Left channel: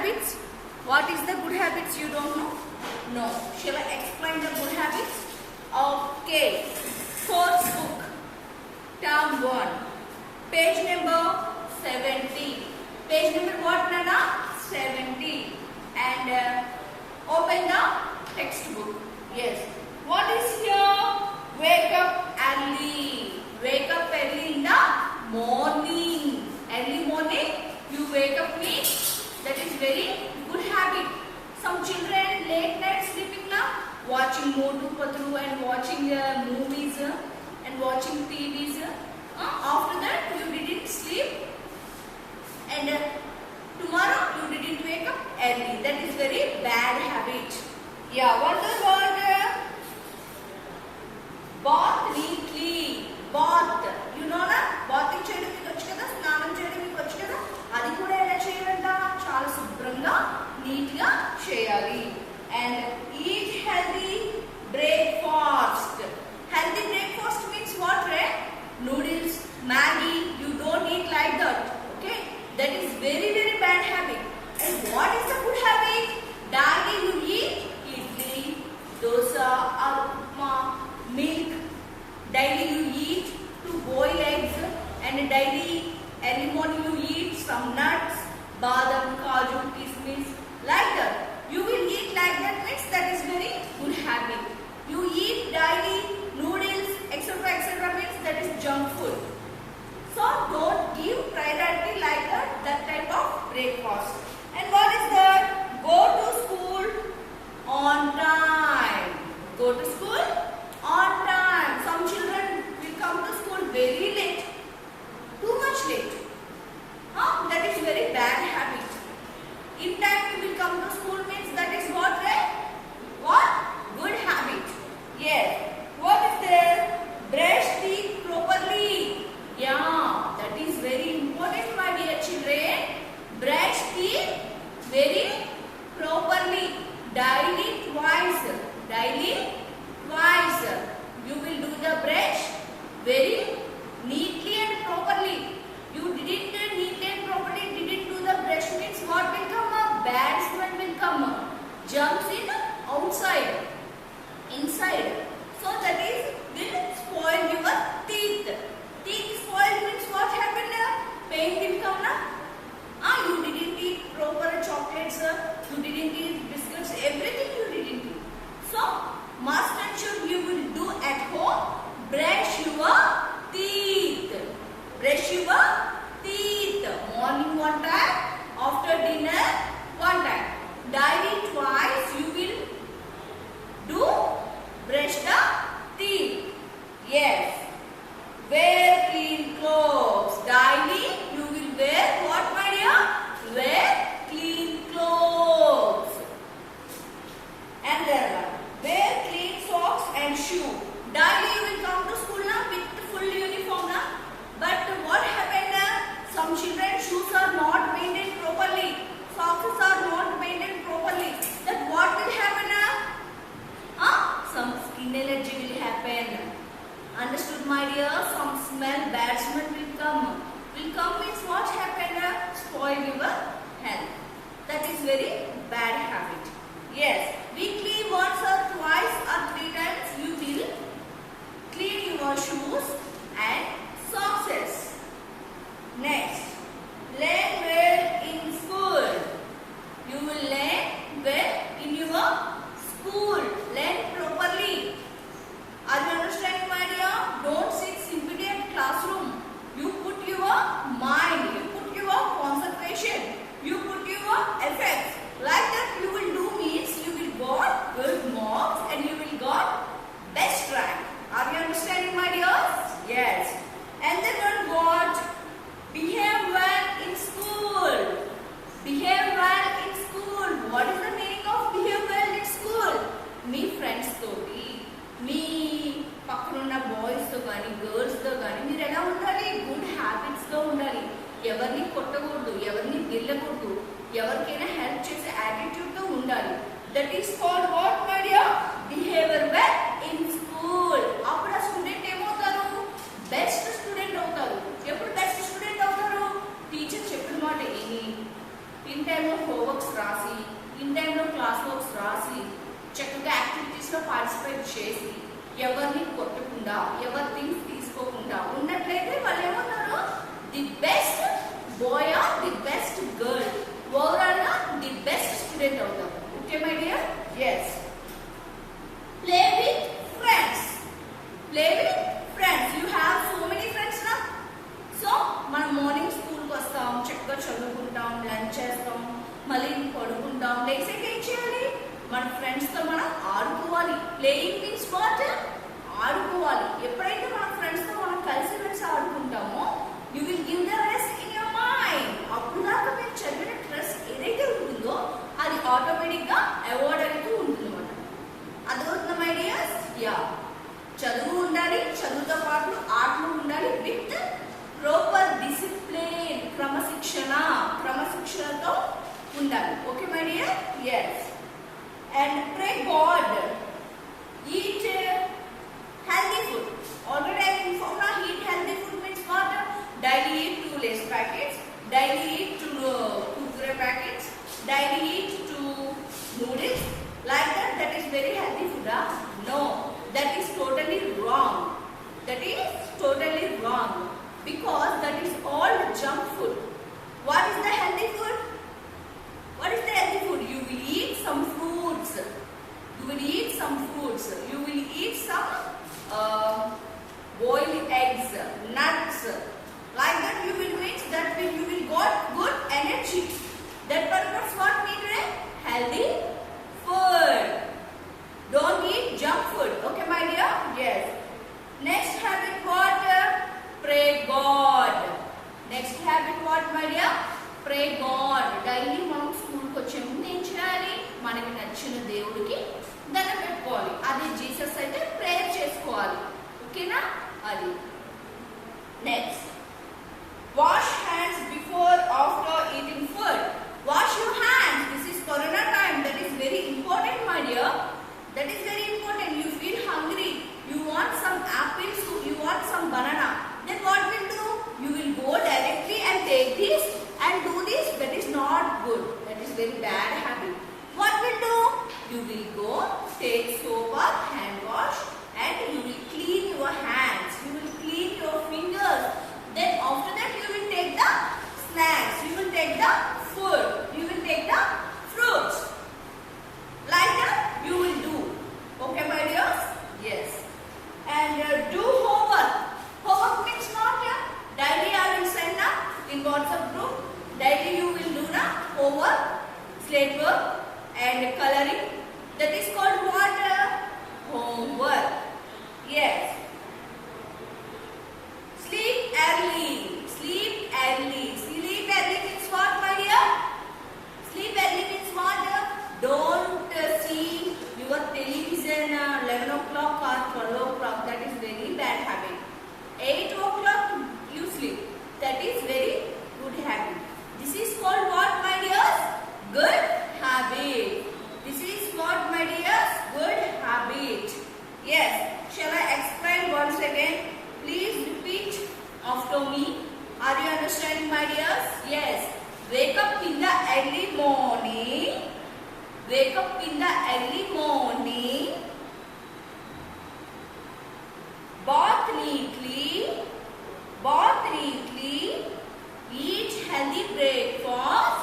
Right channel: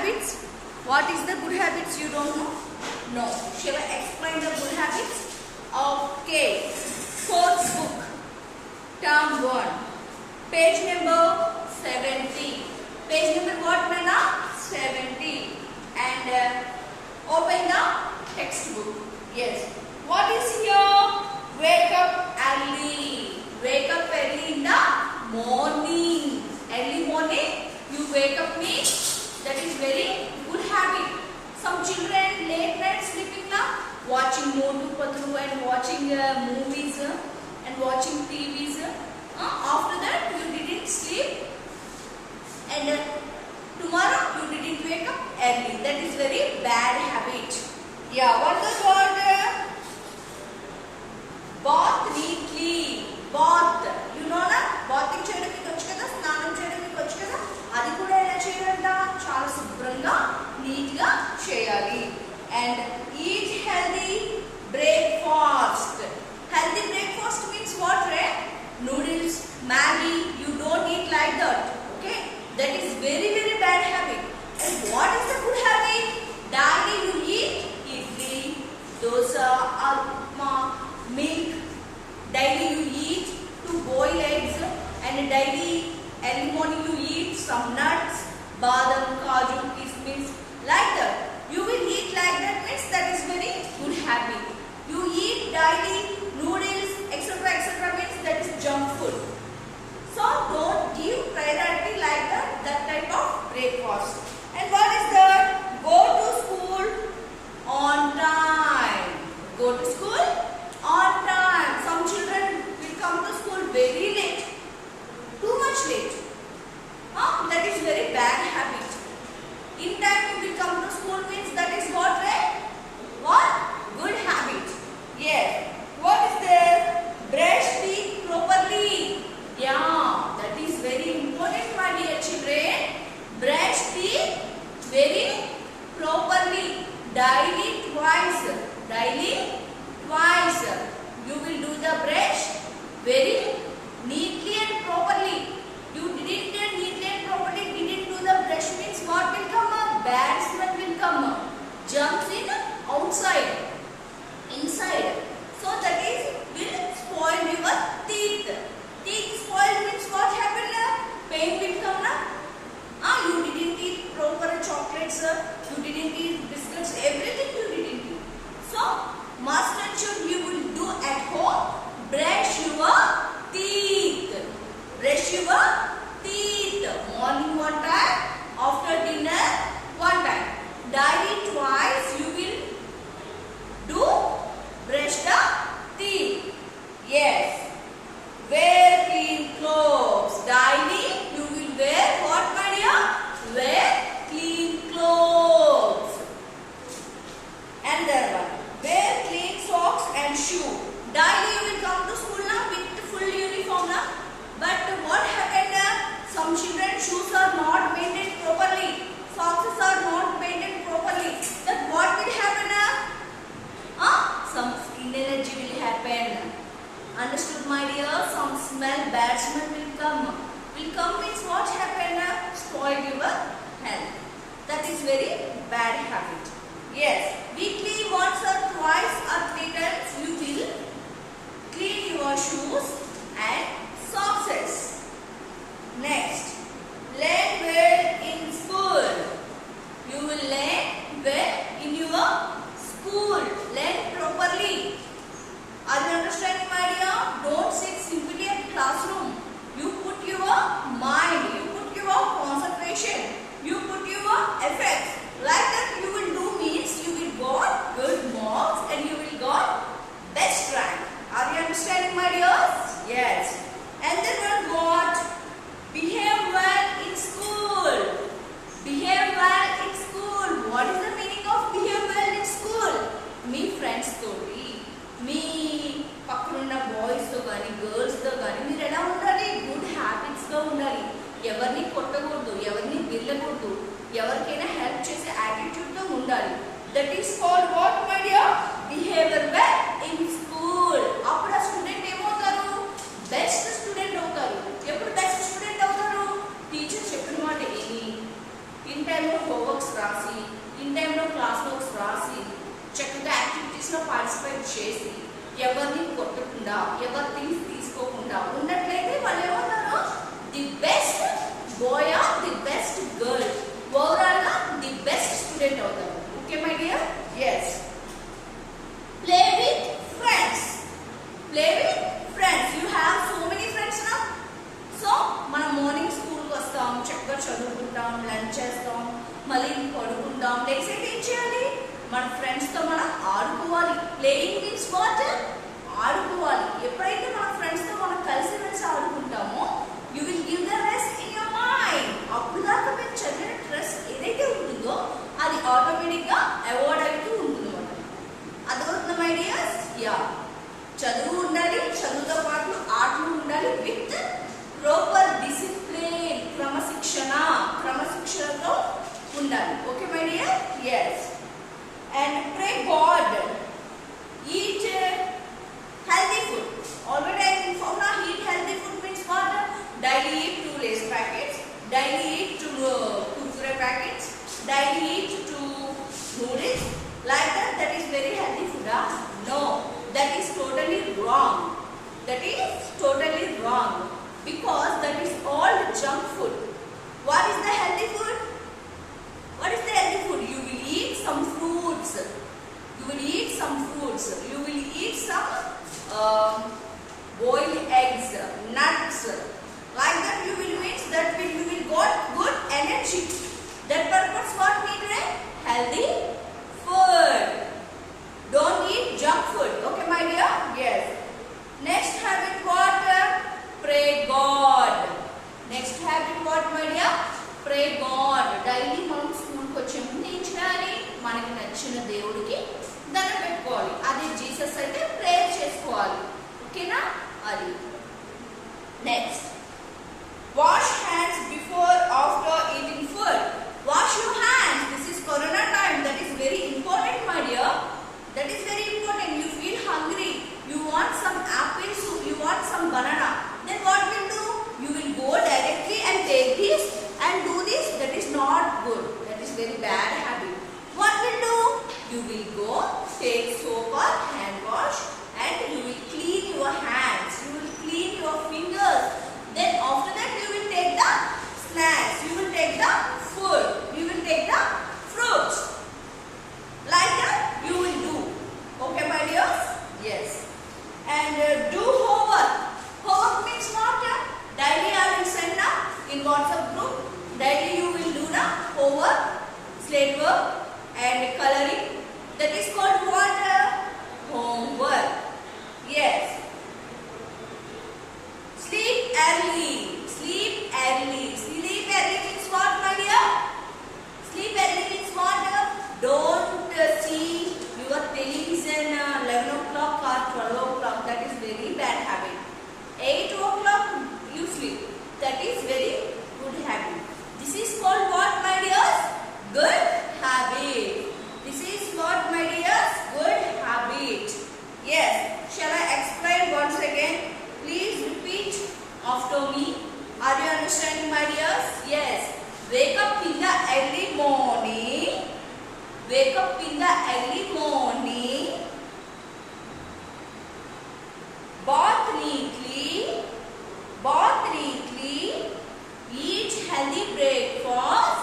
habits? What is the good habits? You don't know? No. Shall I explain the good habits? Okay. Course book. Term 1. Page number 70. Page number what, Nana? 70. And open the textbook. Yes. What is here? Wake up early. Wake up early in the morning. Early morning you wake up means that is very good habit. Some children late night sleeping now, watching Motu Patru and watching movies and watching TVs. After that you didn't sleep and tomorrow you didn't wake up early. That is very bad habit. Yeah, what the word? Bath neatly. Bath. You know na? Bathing cheyadam meeku vachu kada, snanam cheyadam meeku vachu kada. Adi kuda ela cheyalanta? Chaala శుభ్రంగా neat గా చేయాలి. And eat healthy breakfast. Healthy breakfast means what, right? Noodles, Maggi, you don't eat like that. Okay? That is very bad habit. And what is the good habit? Daily you eat idli, dosa, or upma, milk. Daily you eat 2 boiled eggs, and daily early morning you eat some nuts, badam, kaju, kismis, like that. You will eat like that means that is very good habit. You eat daily noodles, etc. means that is junk food. So don't give priority like that type of breakfast. And what is that? Go to school on time. Go to school on time. Some children will come to school very late. Too much late. That is very bad habit. In time you will come to school means that is what, right? What? Good habit. Yes. What is there? Brush teeth properly. Yeah, that is very important, my dear children. Brush teeth very properly. Daily twice. Daily twice. You will do the brush very neatly and properly. You didn't neatly and properly didn't do the brush means what will come? Bad smell will come. Jumps in outside, inside. So that is will spoil your teeth. Teeth spoiled means what happened? Pain will come na? You didn't eat proper chocolates. You didn't eat biscuits. Everything you didn't eat. So must and should you will do at home. Brush your teeth. Brush your teeth. Morning one time, after dinner one time. Daily twice you will do brush the teeth. Yes. Wear clean clothes. Daily you will wear what, my dear? Wear clean clothes. And there one. Wear clean socks and shoe. Daily you will come to school now with full uniform now. But what happened? Some children's shoes are not maintained properly. Socks are not maintained properly. Then what will happen? Some skin allergy will happen. Understood, my dear? Some smell, bad smell will come. Will come means what happened? Spoil your health. That is very bad habit. Yes. Weekly once or twice or 3 times you will clean your shoes and socks. Next, learn well in school. You will learn well in your school. Learn properly. Are you understanding, my dear? Don't sit simply at classroom. You put your mind, you put your concentration, you put your efforts. Like that you will do means you will got good marks and you will got best rank. Are you understanding, my dears? Yes. And then one what? Behave well in school. Behave well in school. What is the meaning of behave well in school? Me friends toti, me పక్కనున్న boys తో గాని girls తో గాని మీరు ఎలా ఉండాలి? Good habits గా ఉండాలి. ఎవరిని కొట్టకూడదు, ఎవరిని గిల్లకూడదు, ఎవరికైనా హెల్ప్ చేసే యాటిట్యూడ్ తో ఉండాలి. That is called what, my dear? Behaviour well in school. అప్పుడు ఆ స్టూడెంట్ ఏమవుతారు? బెస్ట్ స్టూడెంట్ అవుతారు. ఎప్పుడు బెస్ట్ స్టూడెంట్ అవుతారు? టీచర్ చెప్పిన మాట విని, వింటే టైంలో హోంవర్క్స్ రాసి, ఇన్ టైంలో క్లాస్ వర్క్స్ రాసి, చక్కగా యాక్టివిటీస్లో పార్టిసిపేట్ చేసి, ఎవరిని కొట్టకుండా, ఎవరి థింగ్స్ తీసుకోకుండా ఉన్నట్లయితే వాళ్ళు ఏమవుతారు? The best boy or the best girl, overall గా ది బెస్ట్ స్టూడెంట్ అవుతారు. Okay my dear? Yes. Play with friends. Play with friends. You have so many friends నా. సో మనం మార్నింగ్ స్కూల్కి వస్తాం, చక్కగా చదువుకుంటాం, లంచ్ చేస్తాం, మళ్ళీ పడుకుంటాం. నెక్స్ట్ ఏం చేయాలి? మన ఫ్రెండ్స్తో మనం ఆడుకోవాలి. Playing means what? ఆడుకోవాలి. ఎప్పుడైతే మన ఫ్రెండ్స్తో మనం కలిసి మెలిసి ఆడుకుంటామో you will give the rest in your mind. అప్పుడు దాకా మీరు చదివిన స్ట్రెస్ ఏదైతే ఉంటుందో అది ఆటోమేటిక్గా అవాయిడ్ అవుతూ ఉంటుంది అన్నమాట. అర్థమవుతుందా మై డియర్స్? యా. చదువు ఉండాలి, చదువుతో పాటు ఆటలు ఉండాలి విత్ ప్రాపర్ డిసిప్లిన్, క్రమశిక్షణతో ఉండాలి. Okay my dear? Yes. And pray God. Eat healthy food. Already I informed now, eat healthy food means what? Daily eat 2 Lay's packets, daily eat 2 Kurkure packets, daily eat 2 noodles. Like that, that is very healthy food. No, that is totally wrong. That is totally wrong. Because that is all junk food. What is the healthy food? What is the healthy food? You will eat some fruits. You will eat some fruits. You will eat some boiled eggs, nuts. Like that you will mix. You will got good energy. That purpose what need a healthy food. Don't eat junk food. Okay, my dear? Yes. Next habit what? Pray God. Next habit what, my dear? Pray God. Daily మనం స్కూల్కి వచ్చే ముందు ఏం చేయాలి? మనకి నచ్చిన దేవుడికి దండం పెట్టుకోవాలి. అది జీసస్ అయితే ప్రేయర్ చేసుకోవాలి. ఓకేనా? అది. Next, wash hands before after eating food. Wash your hands. This is corona time. That is very important my dear. That is very important. You feel hungry, you want some apples, you want some banana. Then what will do? You will go directly and take this and do this. That is not good. That is very bad habit. What will do? You will go take soap or hand wash and you will clean your hands. You will clean your fingers. Then after that you will take the snacks. You will take the food. You will take the fruits. Like that you will do. Okay my dears? Yes. And do homework. Homework means not daily I will send in WhatsApp group. Daily you will do the homework, slate work and coloring. That is called what? Homework. Yes. Sleep early. Sleep early. Sleep early means what my dear? Sleep early means what? Don't see your television 11 o'clock or 12 o'clock. That is very bad habit. 8 o'clock you sleep. That is very good habit. This is called what my dears? Good habit. This is what my dears? Good habit. Yes. Shall I explain once again? Please repeat after me. Are you understanding my dears? Yes. Wake up in the early morning. Wake up in the early morning. Bath neatly. Bath neatly. Eat healthy breakfast.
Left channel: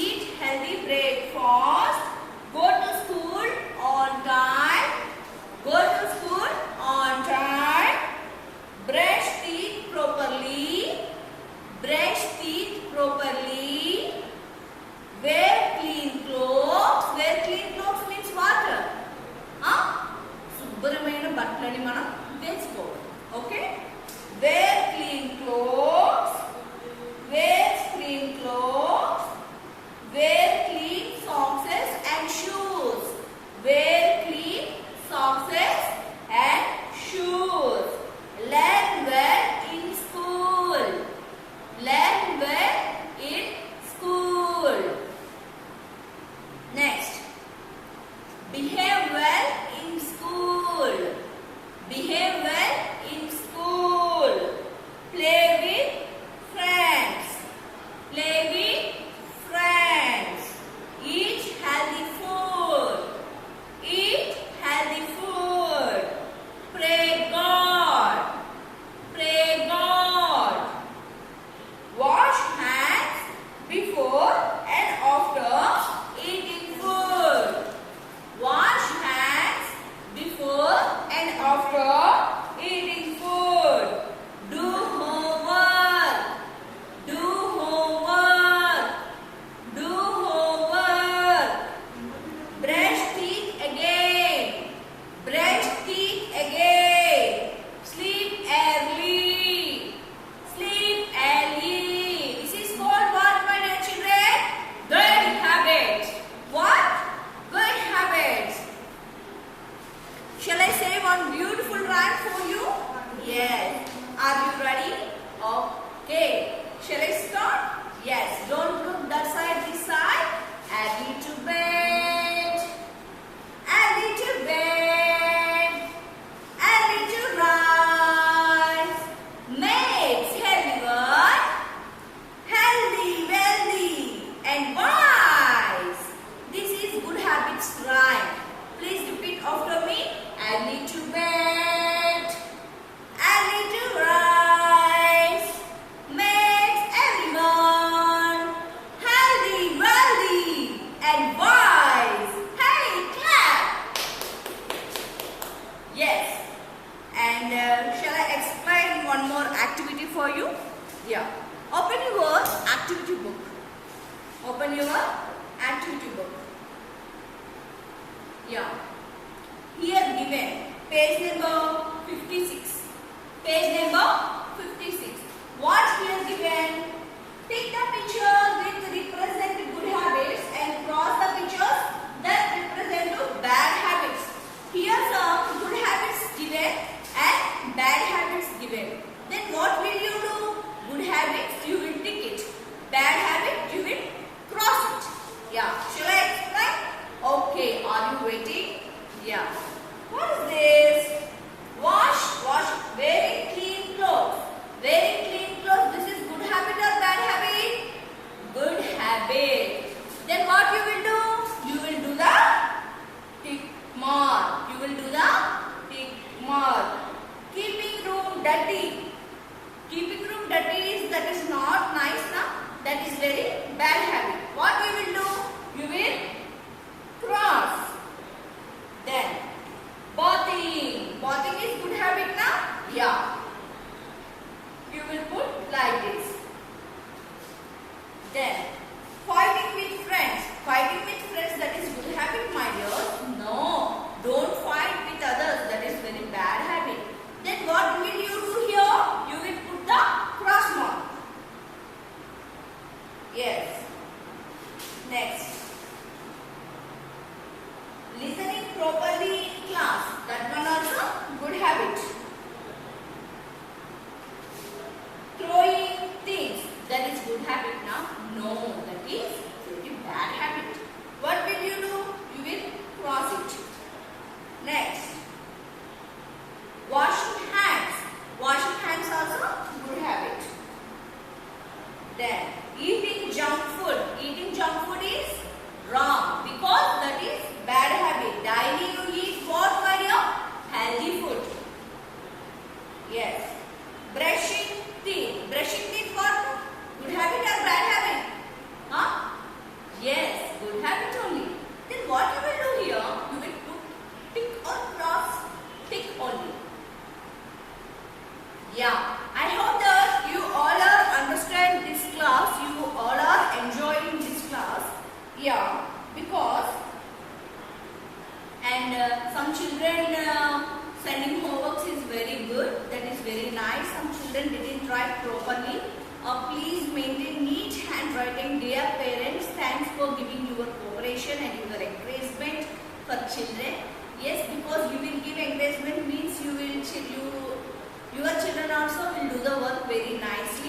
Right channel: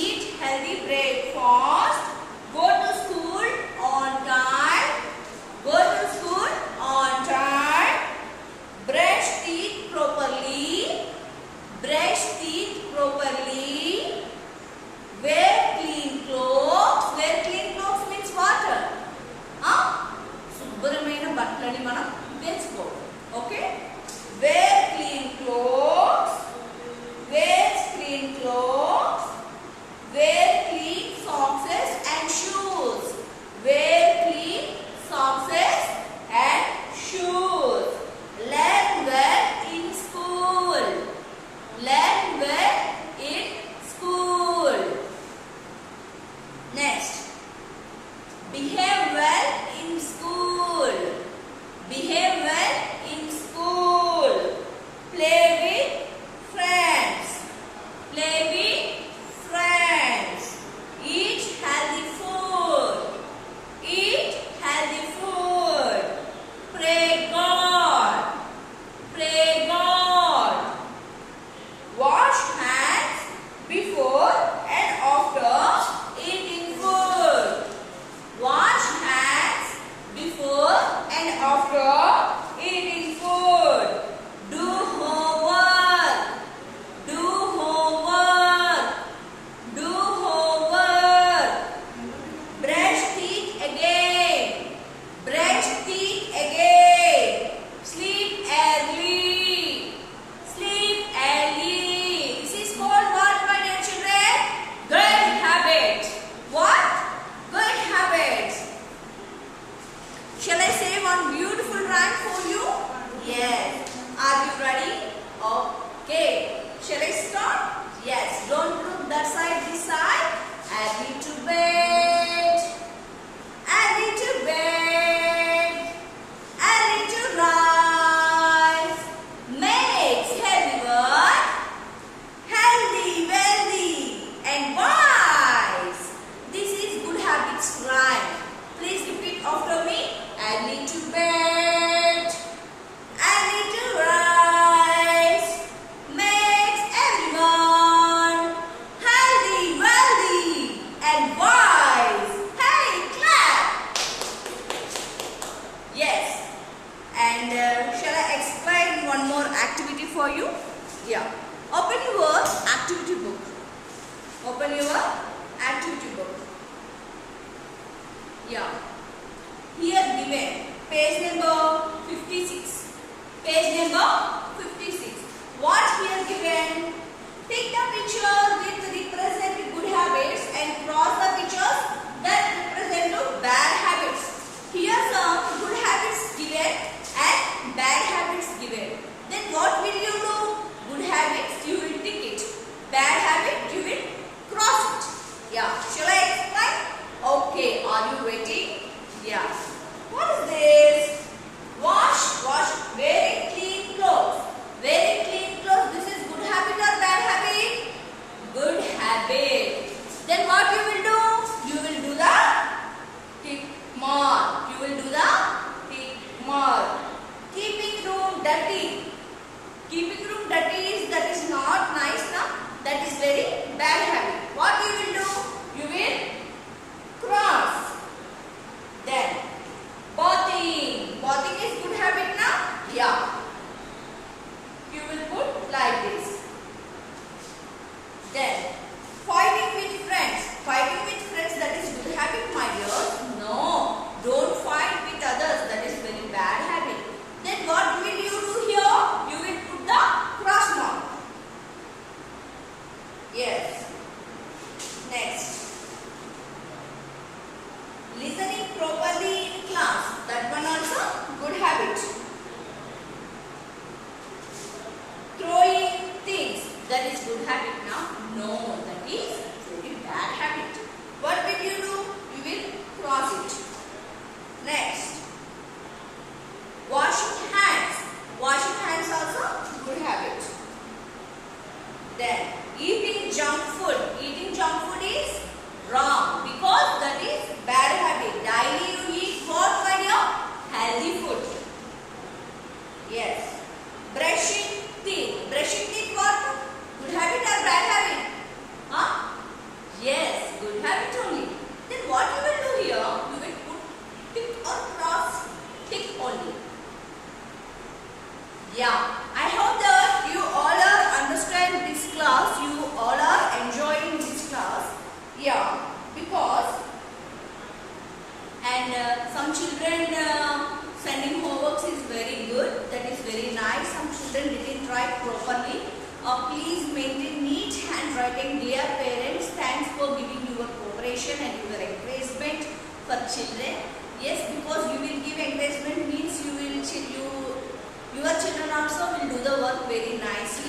Eat healthy breakfast. Go to school on time. Go to school on time. Brush teeth properly. Brush teeth properly. Wear clean clothes. Wear clean clothes means what? శుభ్రమైన బట్టలని మనం వేసుకోవాలి. Okay? Wear clean clothes. Wear clean clothes. Wear clean socks and shoes. Wear clean socks and shoes. Learn well in school. Learn well in school. Next, behave well in school. Behave well in school. Play with friends. Play with friends. Yeah. Here given page number 56. Page number 56. What here given? Take the picture with represent good habits and cross the pictures that represent bad habits. Here some good habits given and bad habits given. Then what will you do? Good habits you will tick it. Bad habit you will cross it. Yeah. Shall I explain? Okay. Are you waiting? Yeah. What is this? Wash wearing clean clothes. Wearing clean clothes. This is good habit or bad habit? Good habit. Then what you will do? You will do the tick mark. You will do the tick mark. Keeping room dirty. Keeping room dirty that is not nice now. That is very bad habit. What you will do? You will cross. Then bathing. Bathing is good habit now? Yeah. You will put like this. Then fighting with friends. Fighting with friends, that is good habit, my dears? No. Don't fight with others. That is very bad habit. Then what will you do here? You will put the cross mark. Yes. Next. Listening properly in class. That one also good habit. Throwing things. That is good habit now? No, that is very bad habit. What will you do? You will cross it. Next. Washing hands. Washing hands also good habit. Then eating junk food. Eating junk food is wrong because that is bad habit. Daily you eat what, my dear? Healthy food. Yes. Brushing teeth. Brushing teeth what? Good habit or bad habit? Huh? Yes, good habit only. Then what you will do here? You will put tick or cross tick only. Yeah. I hope that you all are understand this class. You all are enjoying this class. Yeah. Because and some children sending homeworks is very good. That is very nice. Some children didn't write properly. Please maintain neat handwriting. Dear parents, thanks for giving your cooperation and your encouragement for children. Yes, because you will give encouragement means your children also will do the work very nicely.